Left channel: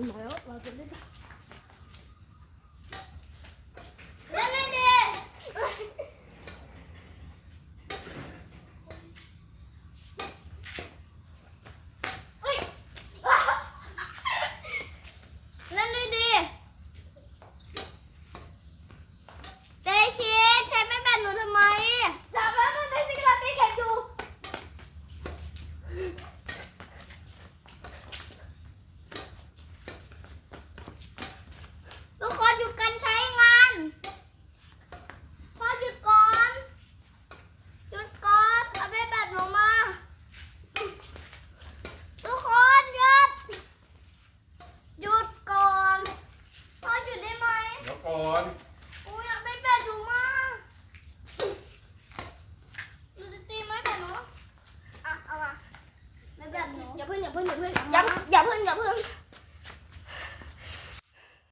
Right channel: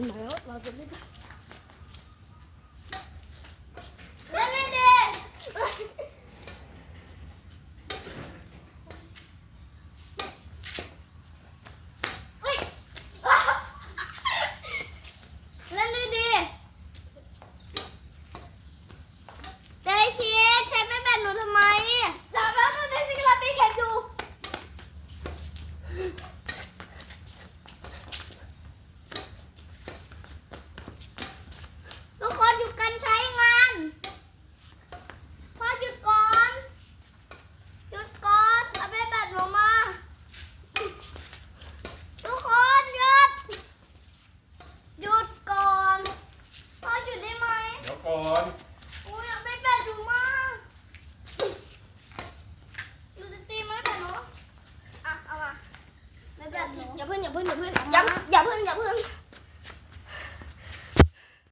กันแล้วเอนอ้ยอยากได้แปดดูมากหนูจะตีไหมแปดเนาะอะเอามาไม่แปดหนูอย่าเพิ่งอย่าเพิ่งอย่าเพิ่งอย่าเพิ่งอย่าเพิ่ง